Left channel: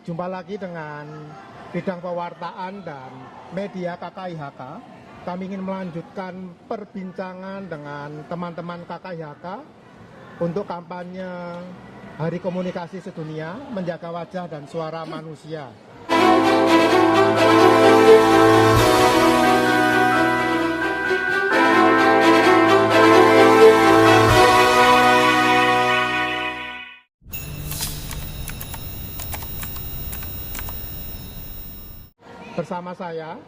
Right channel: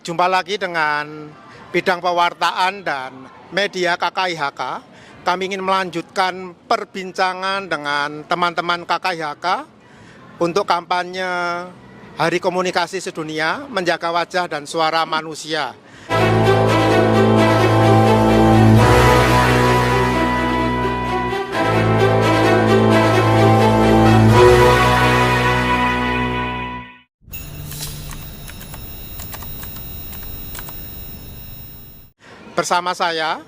Jumpa lagi dengan bidang pewartaan dan media KKIHK. Kami ingin melanjutkan perbincangan dengan teman-teman KKIHK untuk kampanye Hari Komunikasi Sedunia, menjaga wajah dan suara manusia. Bersama saya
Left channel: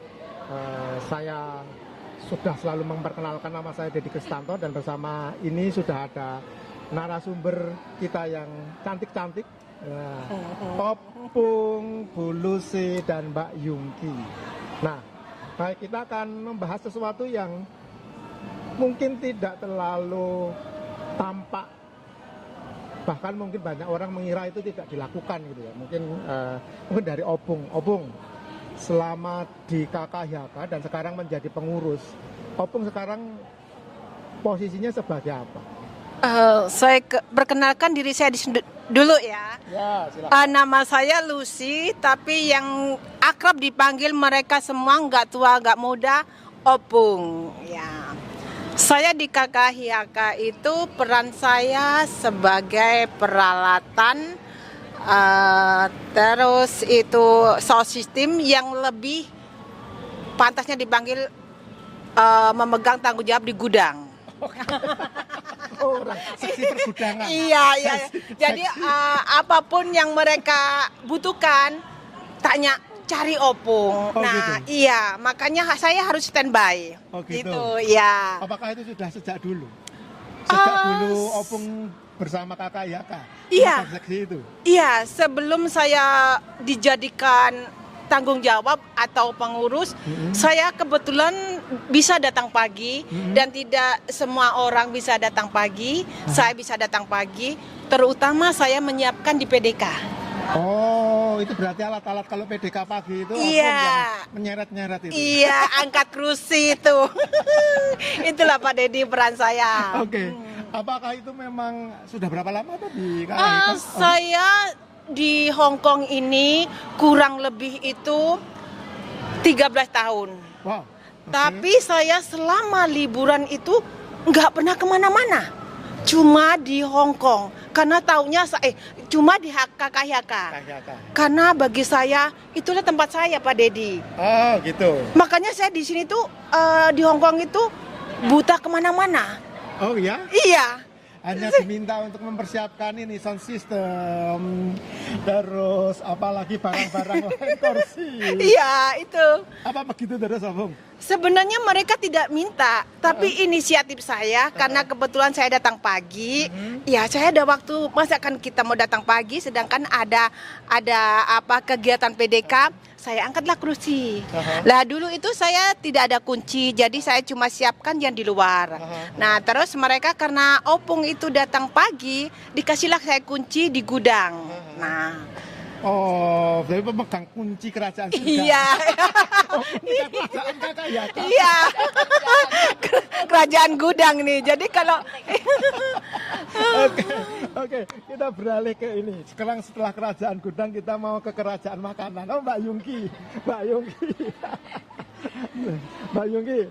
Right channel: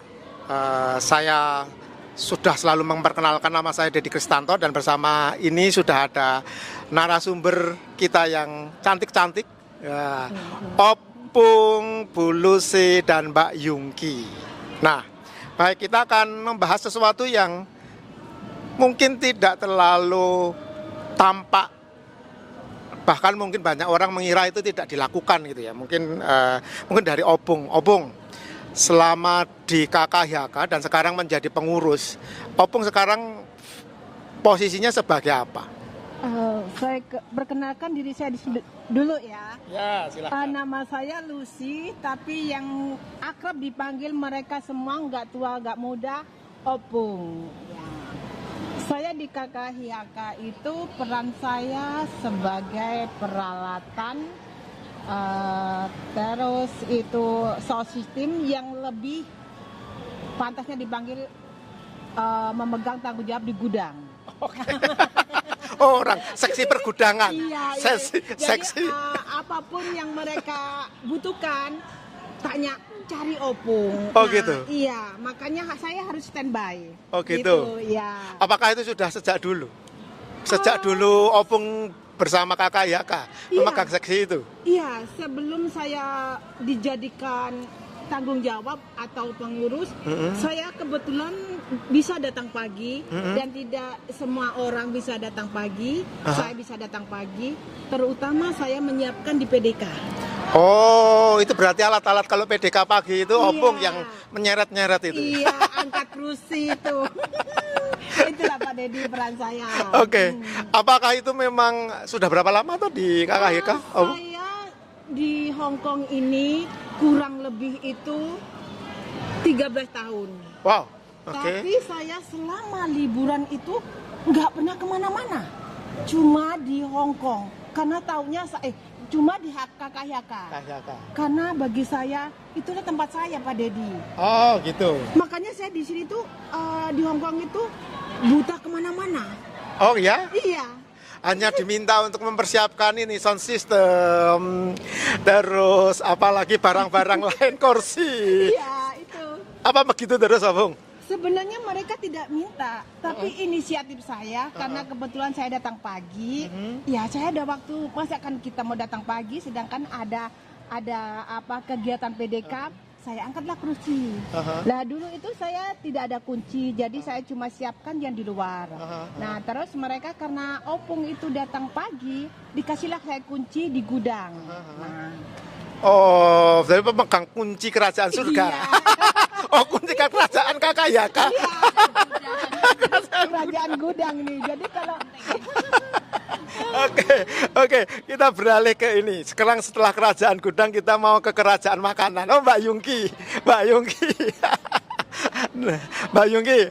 sudah selalu memperkenalkan nama saya Deddy Kristanto, dan bersama ini sudah ada narasumber kita yang cantik-cantik, ya, Opung, Bu Lucy, dan Mbak Yungki. Nah, baik, kita akan membahas sesuatu yang mungkin tidak terlalu tampak, bahkan mungkin banyak orang mengira itu tidak dilakukan gitu ya. Mungkin dari Opung. Selama di KKIHK dan sekarang menjadi pengurus, Opung sekarang posisinya sebagai apa? Saya perkenalkan diri saya dulu ya. Ya, silakan. Nama saya Lucy, tapi yang akrab dipanggil mereka semua nggak tua nggak muda, Opung. Ya. Saya di KKIHK itu peran saya sebagai peralatan. Terus itu sound system yang lebih pantasnya dipanggil memegang tanggung jawab di gudang. Oh, orang seksi pergudangan. Iya. Jadi Seksi. apapun yang mereka butuhkan, tanya cari Opung. Oh, nah, gitu. Iya, makanya saya harus standby. Oh, gitu. Iya. Apakah itu sudah sejak dulu? Sejak dulu Opung bersama KKIHK memegang seksi itu? Iya, sebelum saya dijadikan tanggung jawab atau pengurus, saya kebetulan bisa datang pagi, dan tidak semua orang bisa datang pagi. Saya bisa datang pagi, terutama saya menyiapkan di PDK. Oh, itu berarti alat-alat kalau PDK pagi itu Opung Iya. yang menyeret-nyeret itu? Iya, angkat kursi itu. Itulah Pak Deddy peran saya. Oke. Apakah itu memang sudah berapa lama tuh di KKIHK? Saya di Hong Kong ini kurang lebih itu 13 tahun. Wow. Oke. Tapi saya selama liburan itu nggak pernah kemana-mana. Cuma di Hong Kong. Karena taunya cuma di KKIHK. KKIHK. Karena bagi saya itulah tempat saya Pak Deddy. Oh, gitu. Makanya saya di sini tuh di Hong Kong itu buta kemana-mana. Oh ya? Iya. Hanya diminta untuk mempersiapkan ini sound system, terus apalagi barang-barang lain, kursi. Iya, itu. Apa begitu terus, Opung? Sebenarnya mereka tidak minta, tapi inisiatif saya karena kebetulan saya datang pagi. Ya, saya ada waktu, masa kan kita mau datang pagi sedangkan ada apa kegiatan PDK, saya angkatlah kursi. Lah dulu itu saya tidak ada kunci, jadi saya cuma siapkan yang di luar. Nah, terus mereka karena Opung itu datang pagi, dikasihlah saya kunci di gudang. Nah, Oh, jadi pemegang kunci kerajaan surga. iya. Oh, kunci kerajaan KKIHK. Iya. Kerajaan gudang nih. Jadi kalau Oke, kita beralih ke ini. Sekarang setelah kerajaan gudang kita mau ke kerajaan makanan. Oh, Mbak Yungki. Mbak Yungki,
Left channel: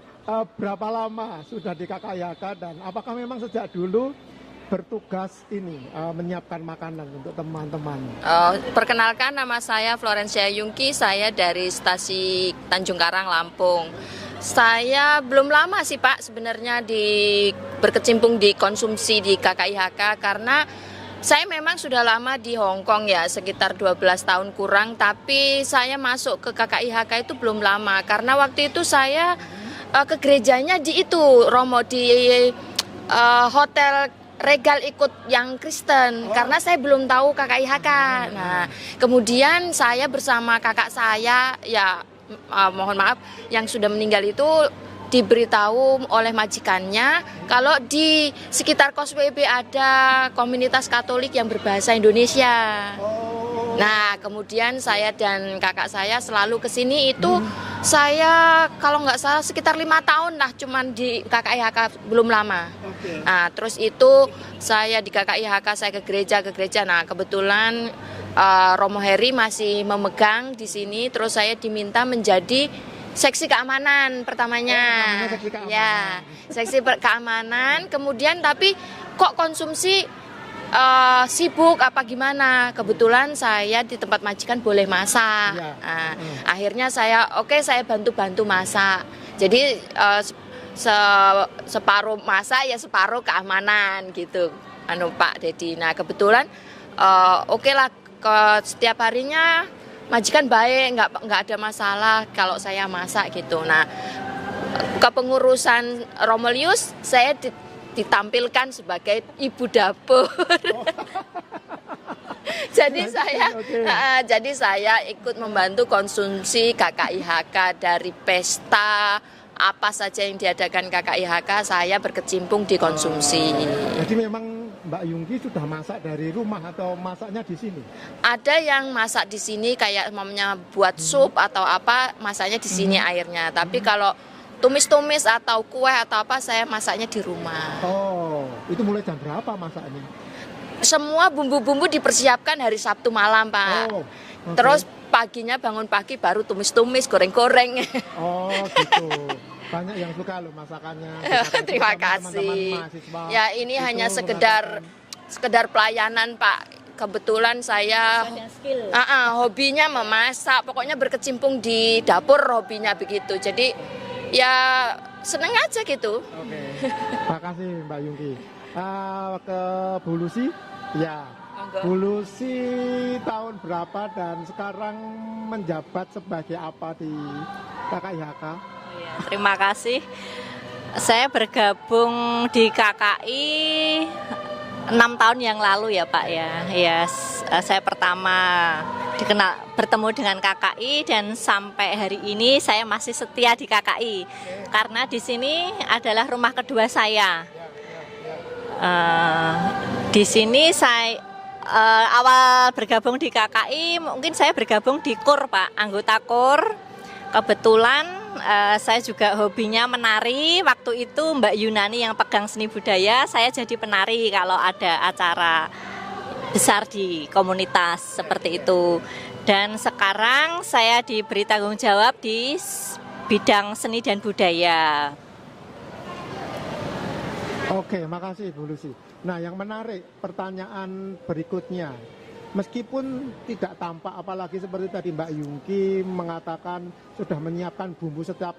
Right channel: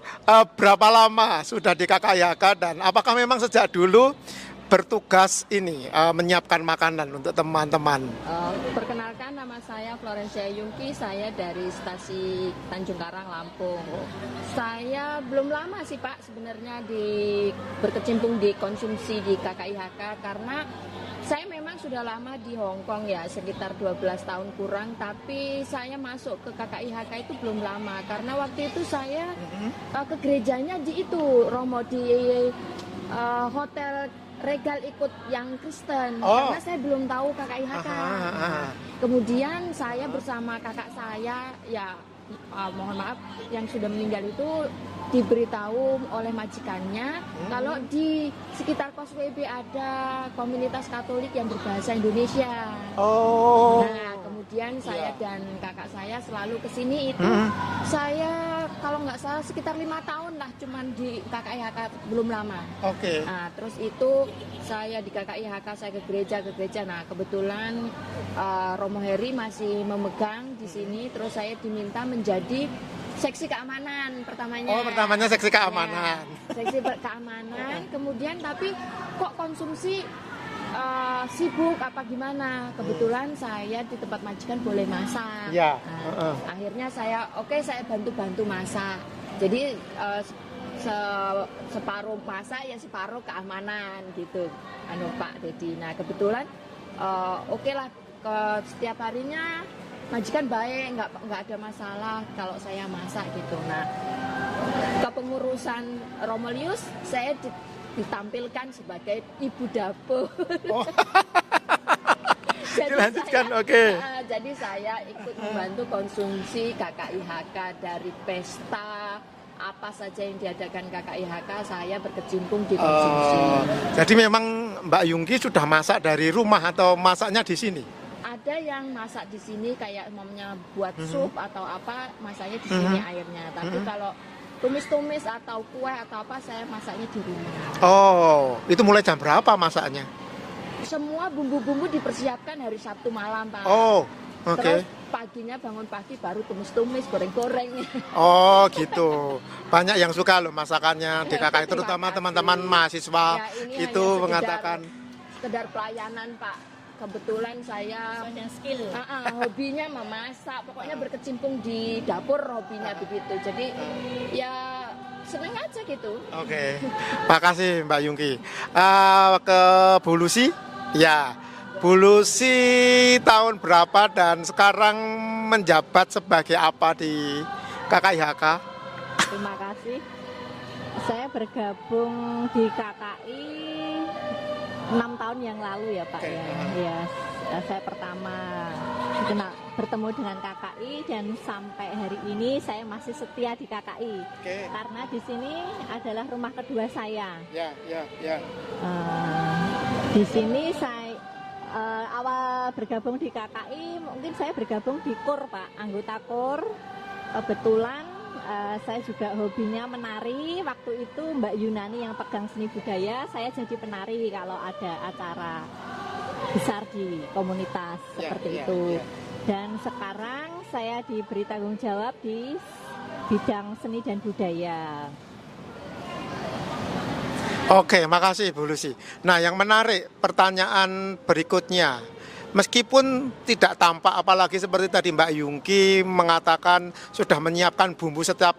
berapa lama sudah di KKIHK dan apakah memang sejak dulu bertugas ini menyiapkan makanan untuk teman-teman? Perkenalkan, nama saya Florencia Yungki, saya dari stasi Tanjung Karang, Lampung. Saya belum lama sih Pak sebenarnya berkecimpung di konsumsi di KKIHK karena saya memang sudah lama di Hong Kong ya, sekitar 12 tahun kurang, tapi saya masuk ke KKIHK itu belum lama karena waktu itu saya ke gerejanya di Romo, di Hotel Regal ikut yang Kristen karena saya belum tahu KKIHK. Nah, kemudian saya bersama kakak saya, ya mohon maaf yang sudah meninggal itu diberitahu oleh majikannya kalau di sekitar kos WB ada komunitas Katolik yang berbahasa Indonesia. Oh. Nah, kemudian saya dan kakak saya selalu ke sini itu saya kalau nggak salah sekitar 5 tahun lah cuman di KKIHK, belum lama. Oke. Nah, terus itu saya di KKIHK saya ke gereja. Nah, kebetulan Romo Heri masih memegang di sini, terus saya diminta menjadi seksi keamanan pertamanya. Oh, pertamanya seksi keamanan. Ya, seksi keamanan. Kemudian tapi kok konsumsi sibuk apa gimana? Kebetulan saya di tempat majikan boleh masak. Ya. Akhirnya saya saya bantu masak. Jadi separuh masak ya separuh keamanan gitu. Pak Dedi. Nah, kebetulan oke lah setiap harinya majikan baik, nggak ada masalah kalau saya masak gitu. Nah, kepengurusan Romelius saya ditampilkan sebagai ibu dapur. Oh. Jadi saya ikut membantu konsumsi KKIHK dari pesta apa saja yang diadakan KKIHK, saya berkecimpung di konsumsi. Jadi memang Mbak Yungki sudah masak dari rumah atau masaknya di sini? Ada yang masak di sini kayak mamanya buat sup atau apa, masaknya di sini airnya. Tapi kalau tumis-tumis atau kue atau apa, saya masaknya di rumah. Oh, itu mulai jam berapa masaknya? Semua bumbu-bumbu dipersiapkan hari Sabtu malam, Pak. Oh, okay. Terus paginya bangun pagi baru tumis-tumis, goreng-goreng. Oh, gitu. Banyak yang suka loh masakannya di KKI, terutama teman-teman mahasiswa. Ya, ini hanya sekedar pelayanan, Pak. Kebetulan saya hobinya memasak, pokoknya berkecimpung di dapur, hobinya begitu. Jadi ya seneng aja gitu. Oke. Makasih Mbak Yungki. Ke Bu Lucy, ya. Bu Lucy tahun berapa dan sekarang menjabat sebagai apa di KKIHK? Terima kasih. Saya bergabung di KKI 6 tahun yang lalu ya Pak ya. Ya, saya pertama bertemu dengan KKI dan sampai hari ini saya masih setia di KKI. Karena di sini adalah rumah kedua saya. Di sini saya awal bergabung di KKI mungkin saya bergabung di KUR Pak, anggota KUR. Kebetulan saya juga hobinya menari. Waktu itu Mbak Yunani yang pegang seni budaya, saya jadi penari kalau ada acara besar di komunitas seperti itu. Dan sekarang saya diberi tanggung jawab di bidang seni dan budaya. Oke, makasih Bu Lucy. Nah, yang menarik pertanyaan berikutnya. Meskipun tidak tampak, apalagi seperti tadi Mbak Yungki mengatakan sudah menyiapkan bumbu sejak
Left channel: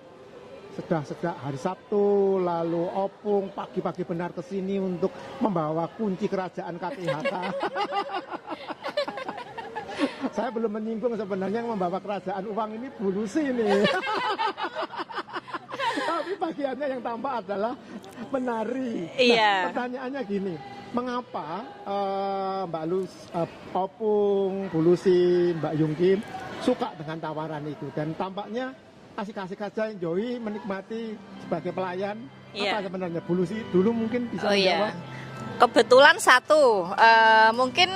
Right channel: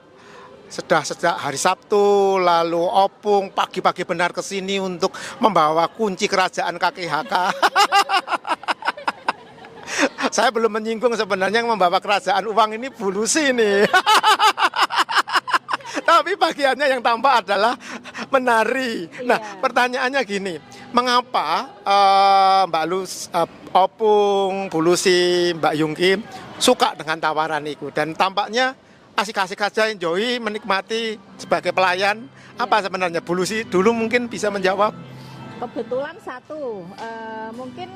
hari Sabtu, lalu opung pagi-pagi benar ke sini untuk membawa kunci kerajaan KKIHK. Saya belum menyinggung sebenarnya yang membawa kerajaan uang ini Bu Lucy nih. Tapi bagiannya yang tampak adalah menari. Iya. Nah, pertanyaannya gini, mengapa Mbak Opung, Bu Lucy, Mbak Yungki suka dengan tawaran itu dan tampaknya asik-asik saja, enjoy, menikmati sebagai pelayan. Iya. Apa sebenarnya Bu Lucy dulu mungkin bisa menjawab? Iya. Kebetulan mungkin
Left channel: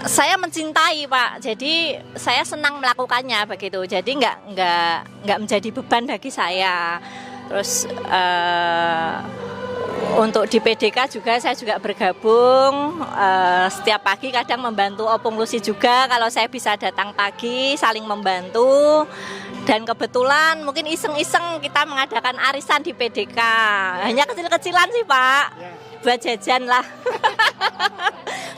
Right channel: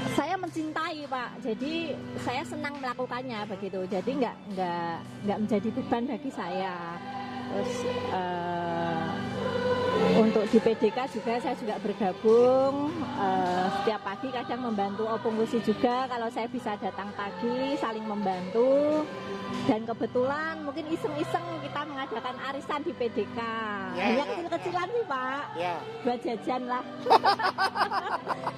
saya mencintai Pak, jadi saya senang melakukannya begitu. Jadi nggak menjadi beban bagi saya. Terus untuk di PDK juga saya juga bergabung setiap pagi, kadang membantu Opung Lucy juga kalau saya bisa datang pagi, saling membantu. Dan kebetulan mungkin iseng-iseng kita mengadakan arisan di PDK. Hanya kecil-kecilan sih Pak, buat jajan lah.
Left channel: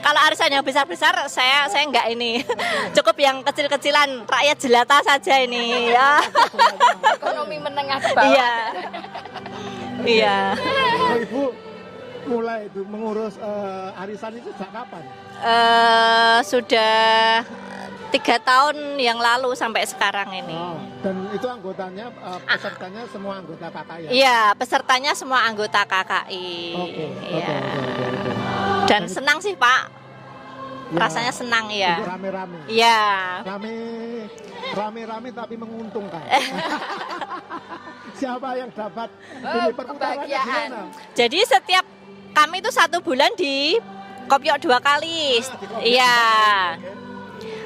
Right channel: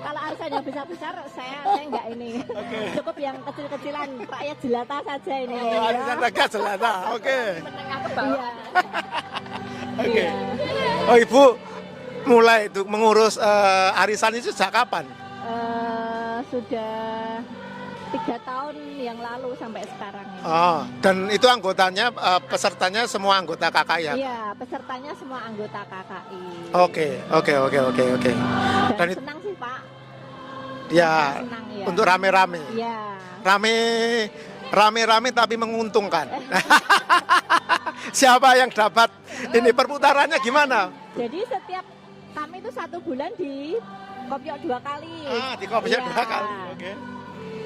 Kalau arisan yang besar-besar saya enggak ini. Cukup yang kecil-kecilan, rakyat jelata saja ini ya. Ekonomi menengah ke bawah. Iya. Iya. Oh, Ibu mulai itu mengurus arisan itu sejak kapan? Sudah 3 tahun yang lalu sampai sekarang ini. Oh, dan itu anggotanya, pesertanya semua anggota KKI ya? Iya, pesertanya semua anggota KKI. Oke. Dan senang sih Pak. Ya, rasanya senang ya. Untuk rame-rame. Iya. Rame-rame tapi menguntungkan. siapa yang dapat ini perputarannya gimana? Jadi setiap kami itu 1 bulan di kopiok 2 kali. Di kopiok Iya. 2 kali. Oke.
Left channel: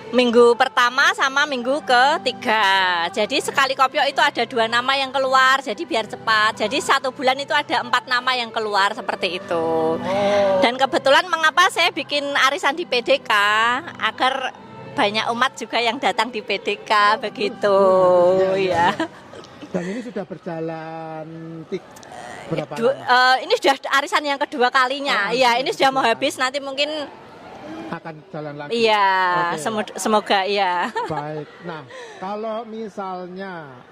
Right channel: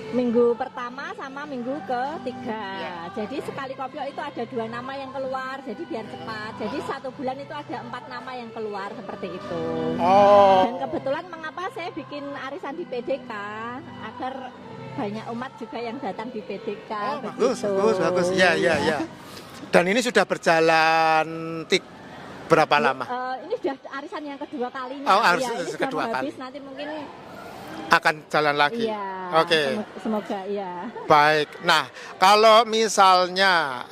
Minggu pertama sama minggu ketiga. Jadi sekali kopiok itu ada 2 nama yang keluar. Jadi biar cepat. Jadi 1 bulan itu ada 4 nama yang keluar seperti itu. Oh. Dan kebetulan mengapa saya bikin arisan di PDK agar banyak umat juga yang datang di PDK begitu. Bagus. Ya, ya, Ya. ya. Dan ini sudah berjalan berapa lama? Ini sudah arisan yang kedua kalinya. Iya, ini sudah mau habis. Nanti mungkin Akan jalan lagi. iya. Oke. Semoga iya. Baik. Nah, kalau misalnya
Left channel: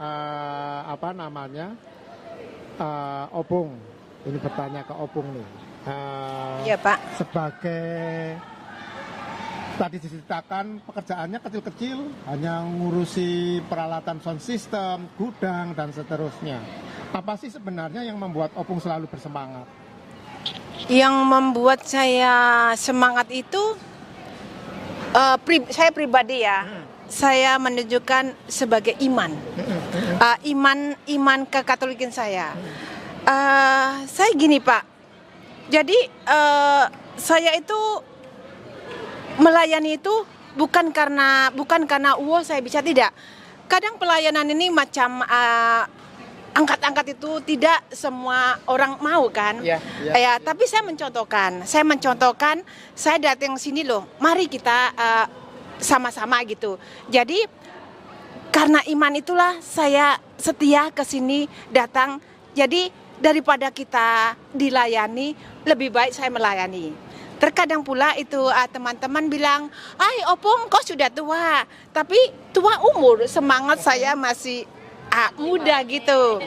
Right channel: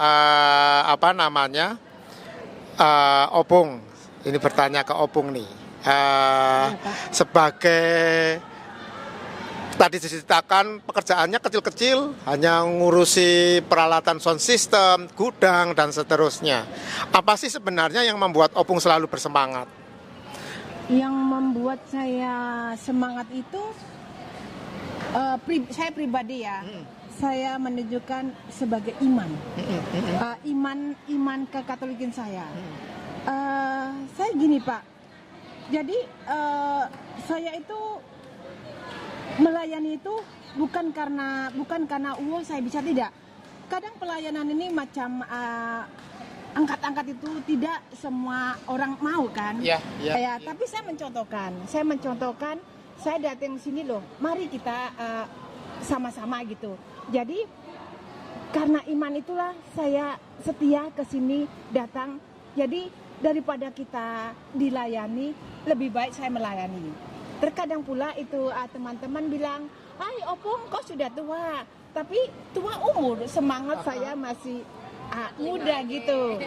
Opung, ini bertanya ke Opung nih. Iya, Pak. Sebagai tadi diceritakan pekerjaannya kecil-kecil, hanya ngurusi peralatan sound system, gudang dan seterusnya. Apa sih sebenarnya yang membuat Opung selalu bersemangat? Yang membuat saya semangat itu saya pribadi ya. Saya menunjukkan sebagai iman. Iman kekatolikan saya. Saya gini, Pak. Jadi saya itu melayani itu bukan karena saya bisa, tidak. Kadang pelayanan ini macam angkat-angkat itu tidak semua orang mau kan. Ya, tapi saya mencontohkan, saya datang sini loh, mari kita sama-sama gitu. Jadi karena iman itulah saya setia ke sini datang. Jadi daripada kita dilayani, lebih baik saya melayani. Terkadang pula itu teman-teman bilang, Opung kok sudah tua, tapi tua umur, semangat saya masih muda gitu.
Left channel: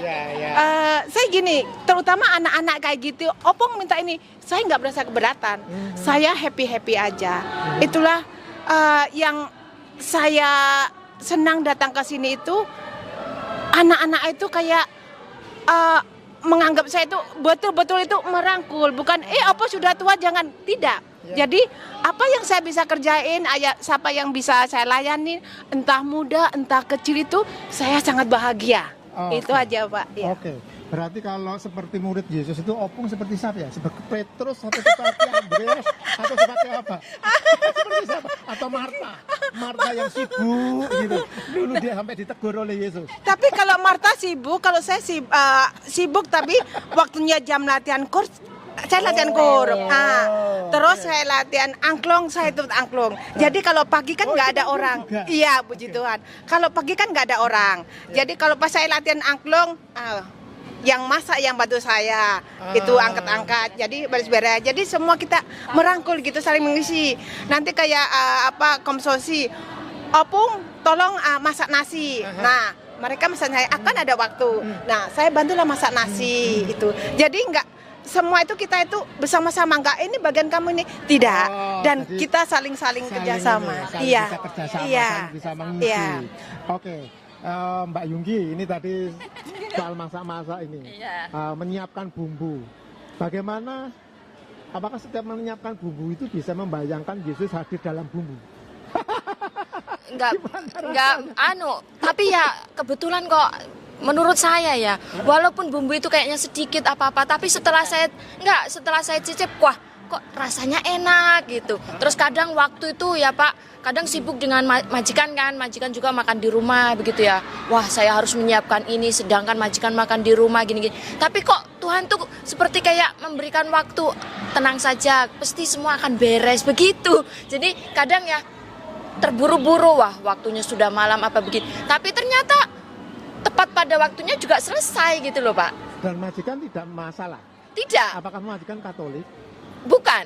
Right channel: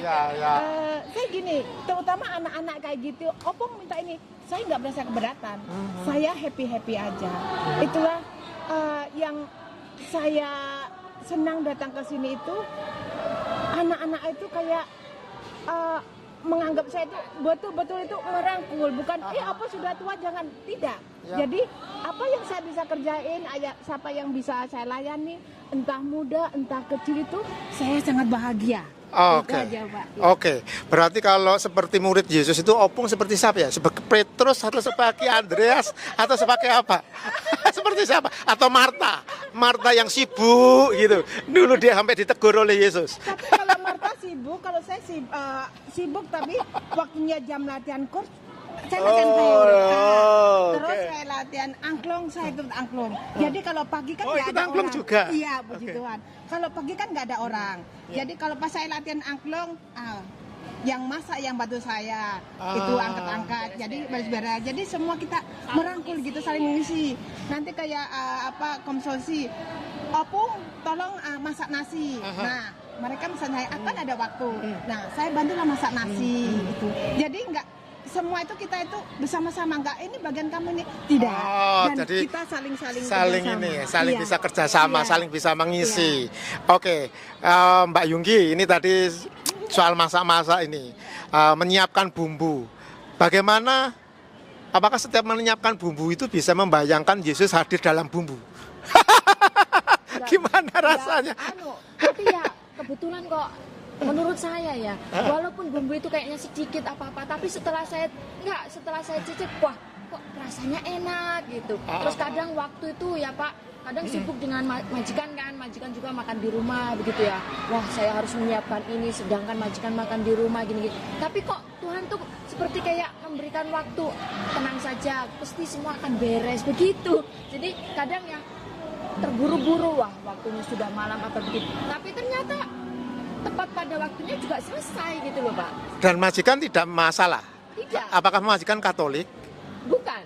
Saya gini, terutama anak-anak kayak gitu, Opung minta ini, saya nggak berasa keberatan, saya happy aja. Itulah yang saya senang datang ke sini itu, anak-anak itu kayak menganggap saya itu betul-betul itu merangkul, bukan apa sudah tua jangan, tidak. Jadi apa yang saya bisa kerjain, siapa yang bisa saya layani, entah muda, entah kecil, itu saya sangat bahagia. Itu aja, Pak. Ya. Oke, berarti kalau seperti murid Yesus itu Opung seperti siapa ya? Sebagai Petrus atau seperti Andreas atau sebagai apa? Seperti siapa? Atau Marta yang sibuk gitu. Dulu dia sampai ditegur oleh Yesus. Tapi kalau Marta sibuk, kalau saya sibuk tapi waktunya jam latihan kur, saya latihan kur. Terus saya latihan angklung, saya ikut angklung. Jadi kalau pagi kan nggak ada orang. Juga? Iya, puji Tuhan. Kalau pagi kan nggak ada orang. Jadi kalau pas saya latihan angklung, yang masak yang bantu saya itu angkat-angkat. Jadi beres-beres. Jadi semua kita merangkul gitu, saling mengisi. Nanti kayak komsosi, Opung tolong masak nasi. Nah, mereka masak saya akan ada waktu. Nah, saya bantulah masak nasi itu. Jadi nggak semua itu kita itu bersama-sama, enggak ini bagian kamu ini, tidak. Dan kita saling kerjasama. Saling bisa kerjasama, saling bisa mengisi. Oke, Mbak Yungki, ini tadi soal masak-masak ini, menyiapkan bumbu. Bagaimana? Apakah setiap menyiapkan bumbu itu bisa membayangkan Yesus hadir dalam bumbu? Gimana rasanya? Tapi ya kebetulan kok. Menurut saya ya, walaupun bumbu itu kayaknya sedikit apa-apa, tapi setelah saya cicip, wah kok rasanya enak gitu. Terus kadang waktu itu ya Pak, kadang sibuk dengan majikan kan, majikan juga makan di rumah begitu ya. Wah saya harus menyiapkan ini, sedangkan majikan makan di rumah gini-gini. Tapi kok Tuhan tuh seperti kayak memberikan waktu, tenang saja, pasti semua akan beres begitu. Jadi kadang ya terburu-buru, wah waktunya sudah malam apa begitu. Tapi ternyata tepat pada waktunya juga selesai gitu loh Pak. Dan majikan tidak masalah? Tidak. Apakah majikan Katolik? Bukan.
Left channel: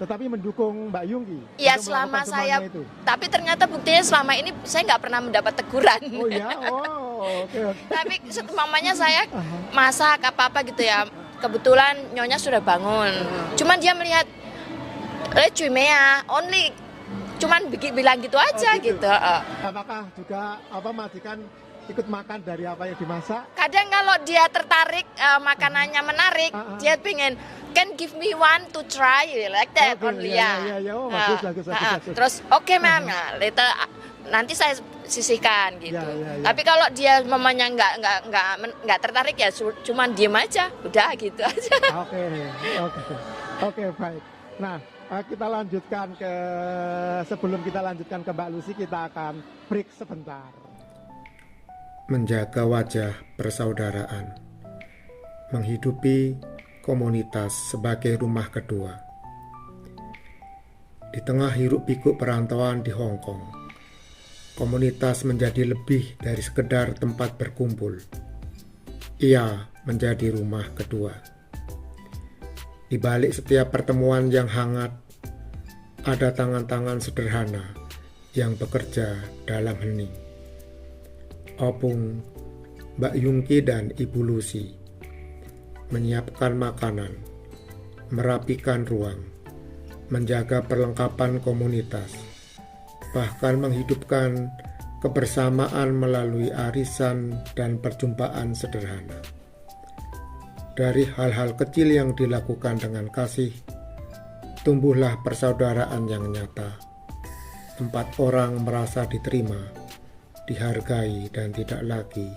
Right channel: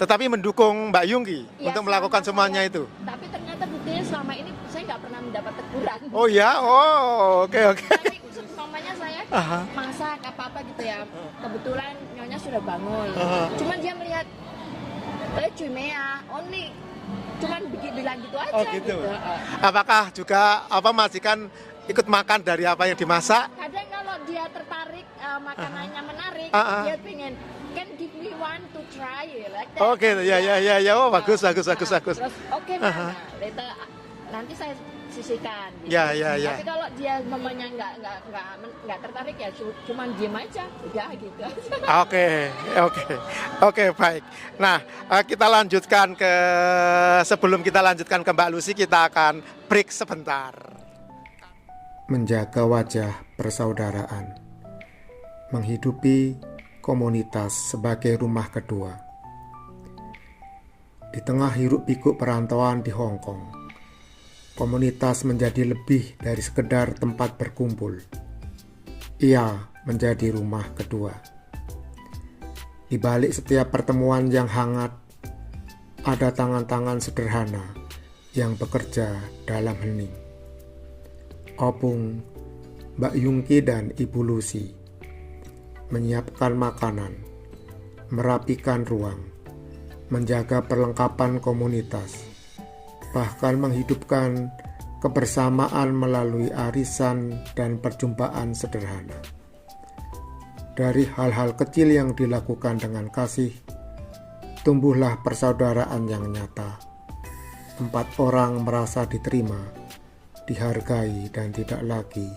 Tetapi mendukung Mbak Yungki Ya, untuk melakukan semuanya itu? Tapi ternyata buktinya selama ini saya nggak pernah mendapat teguran. Oh ya? Oh oke. Tapi mamanya saya masak apa-apa gitu ya. Kebetulan nyonya sudah bangun. Cuman dia melihat, only cuman bilang gitu aja gitu. Apakah juga majikan ikut makan dari apa yang dimasak? Kadang kalau dia tertarik, makanannya menarik, dia pengen, can give me one to try like that. Oke, ya. Oh, bagus. Terus oke, ma'am. Nah, nanti sisihkan gitu. Ya, ya, ya. Tapi kalau dia mamanya nggak tertarik ya cuman diem aja, udah gitu aja. Oke, baik. Nah, kita lanjutkan sebelum kita lanjutkan ke Mbak Lucy, kita akan break sebentar. Menjaga wajah persaudaraan, menghidupi komunitas sebagai rumah kedua. Di tengah hiruk-pikuk perantauan di Hong Kong, komunitas menjadi lebih dari sekedar tempat berkumpul. Ia menjadi rumah kedua. Di balik setiap pertemuan yang hangat, ada tangan-tangan sederhana yang bekerja dalam hening. Opung, Mbak Yungki dan Ibu Lucy menyiapkan makanan, merapikan ruang, menjaga perlengkapan komunitas, bahkan menghidupkan kebersamaan melalui arisan dan perjumpaan sederhana. Dari hal-hal kecil yang dilakukan dengan kasih, tumbuhlah persaudaraan yang nyata. 4 orang merasa diterima, dihargai dan tidak lagi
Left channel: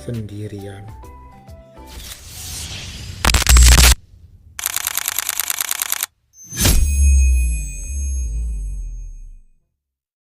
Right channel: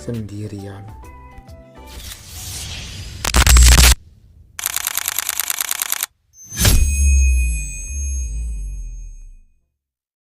sendirian.